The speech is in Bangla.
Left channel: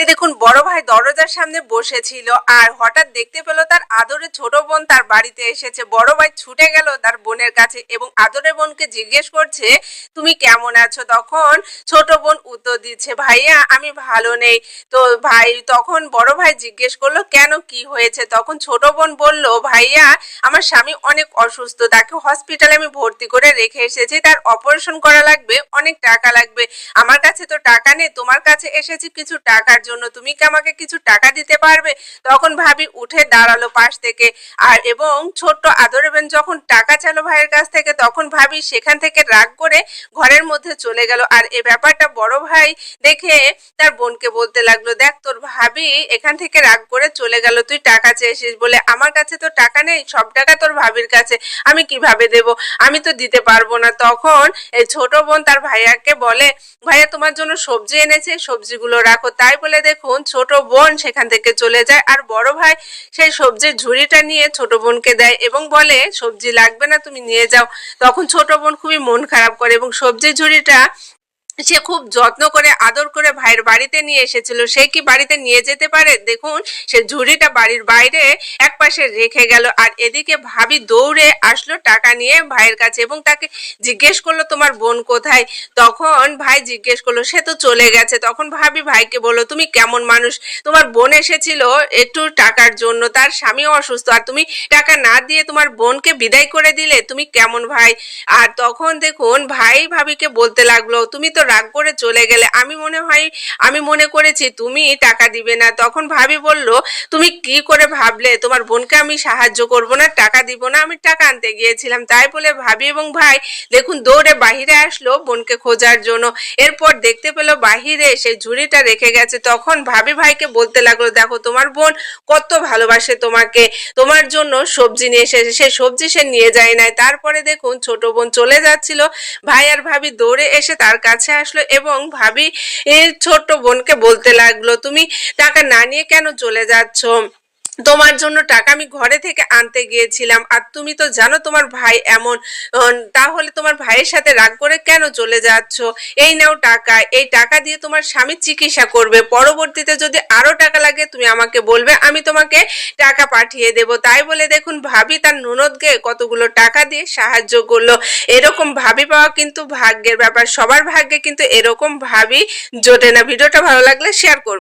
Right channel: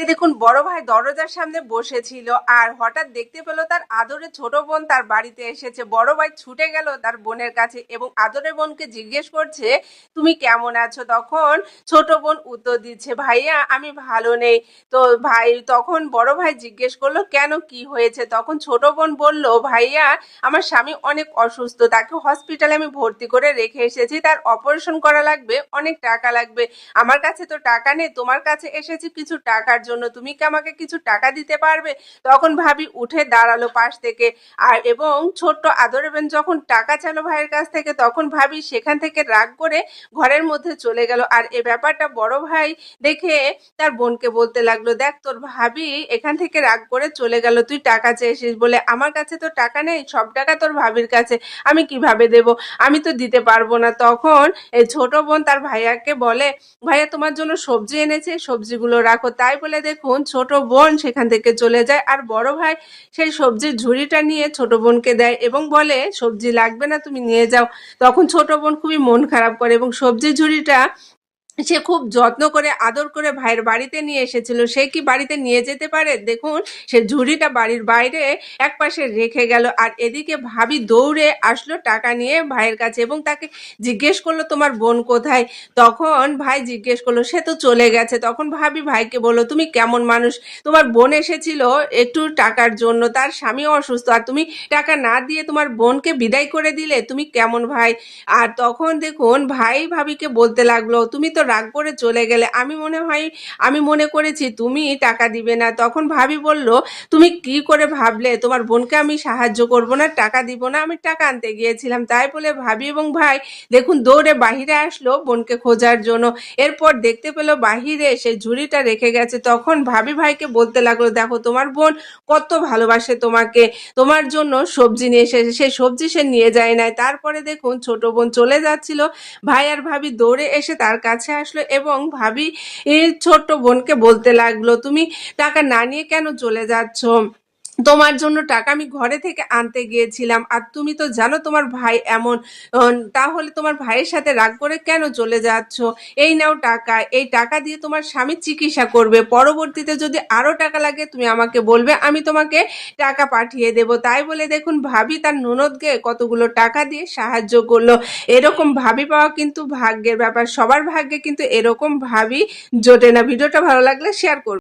যে দেখুন বড় ভাই দরজার সামনে বসেছিল আর হঠাৎ দেখতে পেল তার আদরের ছোট বোন তার বাড়িতে এসেছে। বড় ভাই ছুটে গেল তার বোনের কাছে এবং আদরের বোনকে জিজ্ঞেস করছে, তুমি কেমন আছো? তখন ছোট বোন উত্তর দিচ্ছে, ভাইয়া আমি ভালো নেই। তো ভাই তখন বড় ভাই জিজ্ঞেস করলো, কেন, কি হয়েছে? তখন ছোট বোন বলল, ভাইয়া আমার স্বামী অনেক অসুস্থ, তাকে হসপিটালে আমি ভর্তি করে রেখে এসেছি, তার অপারেশন করা লাগবে, অনেক টাকা লাগবে। আমার কাছে তো টাকা নেই, তোমার কাছে এসেছি কিছু টাকার জন্য, তুমি কি আমাকে কিছু টাকা দিতে পারবে? তখন ভাবি উঠে দাঁড়ালো পাশ থেকে আর এবং ছোট্ট আদরের বোন যখন টাকা চাইলো ভাইয়ের কাছ থেকে তখন ভাবি সেখান থেকে রাগ করে ঘরের মধ্যে চলে গেল। আর এই ব্যাপারটা বড় ভাই দেখে তার বোনকে বলতে লাগলো, দেখ তোর ভাবি এখান থেকে রাগ করে চলে গেল, তুই টাকা চেয়েছিস বলে, আমার কাছে তো টাকা নেই, সব টাকা তোর ভাবির কাছে, আমি কিভাবে দেব, আমি তো দিতে পারবো না। তখন এই ছোট বোন তার ভাইয়াকে বলে, ভাইয়া তোমার জন্য সবজি এনেছে, সবজিগুলো রাখো। তাই বলে দেখুন ছোট বোন সেখান থেকে চলে যায় আর বড় ভাই সেই সবজির ঝুড়িটা নিয়ে ছোট বোনকে দেয় এবং বলে, সবজি লাগবে না, তুমি নিয়ে যাও। তখন ছোট বোন খুবই মন খারাপ করে এবং সবজির ঝুড়িটা সে খুব যত্ন করে আদর করে ভাইয়ের বাড়িতে নিয়ে এসেছিল। সে কি বাড়িতে নিয়ে যেতে পারে? দেখুন সে ঝুড়িটা বাড়ির বাইরে এক পাশে রেখে গেল আর এদিকে ভাবি দৌড়ে আসলো টাকা নিয়ে ভাইয়ের কাছে এবং তাকে জিজ্ঞেস করলো, তোমার বোন কোথায়? তখন ভাই জিজ্ঞেস করলো, সে তো চলে গেছে। তখন ভাবি ভাইকে বললো, তুমি কেমন মানুষ, তোমার বোন এসেছিল একটু টাকার জন্য, তার স্বামী অসুস্থ, আর তুমি টাকা না দিয়ে তোমার বোনকে বিদায় করে দিলে, তুমি কেমন ভাই? আর তখন দেখুন ভাই ভাবিকে বলতে লাগলো, তুমি তো রাগ করে চলে গেলে, আমি মনে করেছি তুমি টাকা দিবে না। তখন ভাবি বলল, তুমি কি করে ভাবলে তোমার বোনকে আমি সাহায্য করব না, টাকা দিব না? আমি টাকা আনতে গিয়েছিলাম। তাই বলে ভাবি এবং ভাই দেখুন দৌড়ে বাহিরে আসলো বোনকে খোঁজার জন্য। এরপর দেখতে পেলো বাহিরে সেই ঝুড়িটা রেখে গেছে। তখন ভাবি ভাইকে বলতে লাগলো, দেখো তোমার বোন কত ভালোবাসে তোমাকে, তোমার জন্য সবজি নিয়ে এসেছে, সেই সবজি সে নিয়ে যায় নাই। তারপরে দেখুন ছোট বোন চলে যাচ্ছিল, ভাই আর ভাবি দৌড়ে এসে তার কাছে আসলো এবং ভাবি ছোট্ট বোনকে বলতে লাগলো, তুমি টাকা না নিয়ে কেন চলে যাচ্ছ? তোমার জন্য টাকা আমি ঘরে থেকে আনতে গিয়েছিলাম আর তুমি তো জানো তোমার ভাই এমন, তাহলে তোমার ভাইয়ের সাথে রাগ করে কেন চলে যাচ্ছ? এই নাও টাকা, এই টাকা দিয়ে তোমার স্বামী চিকিৎসা করবে, পরবর্তীতে যদি আরো টাকা লাগে তুমি আমাকে বলবে, আমি তোমাকে টাকা পাঠিয়ে দেব। তাই বলে দেখুন ভাবি তার ননদকে কতগুলো টাকা দিয়ে সাহায্য করলো। এরকম ভাবি পাওয়া কিন্তু ভাগ্যের ব্যাপার, সবার ভাগ্যে কিন্তু এরকম ভাবি জোটে না। ভিডিওটা ভালো লাগলে শেয়ার করুন।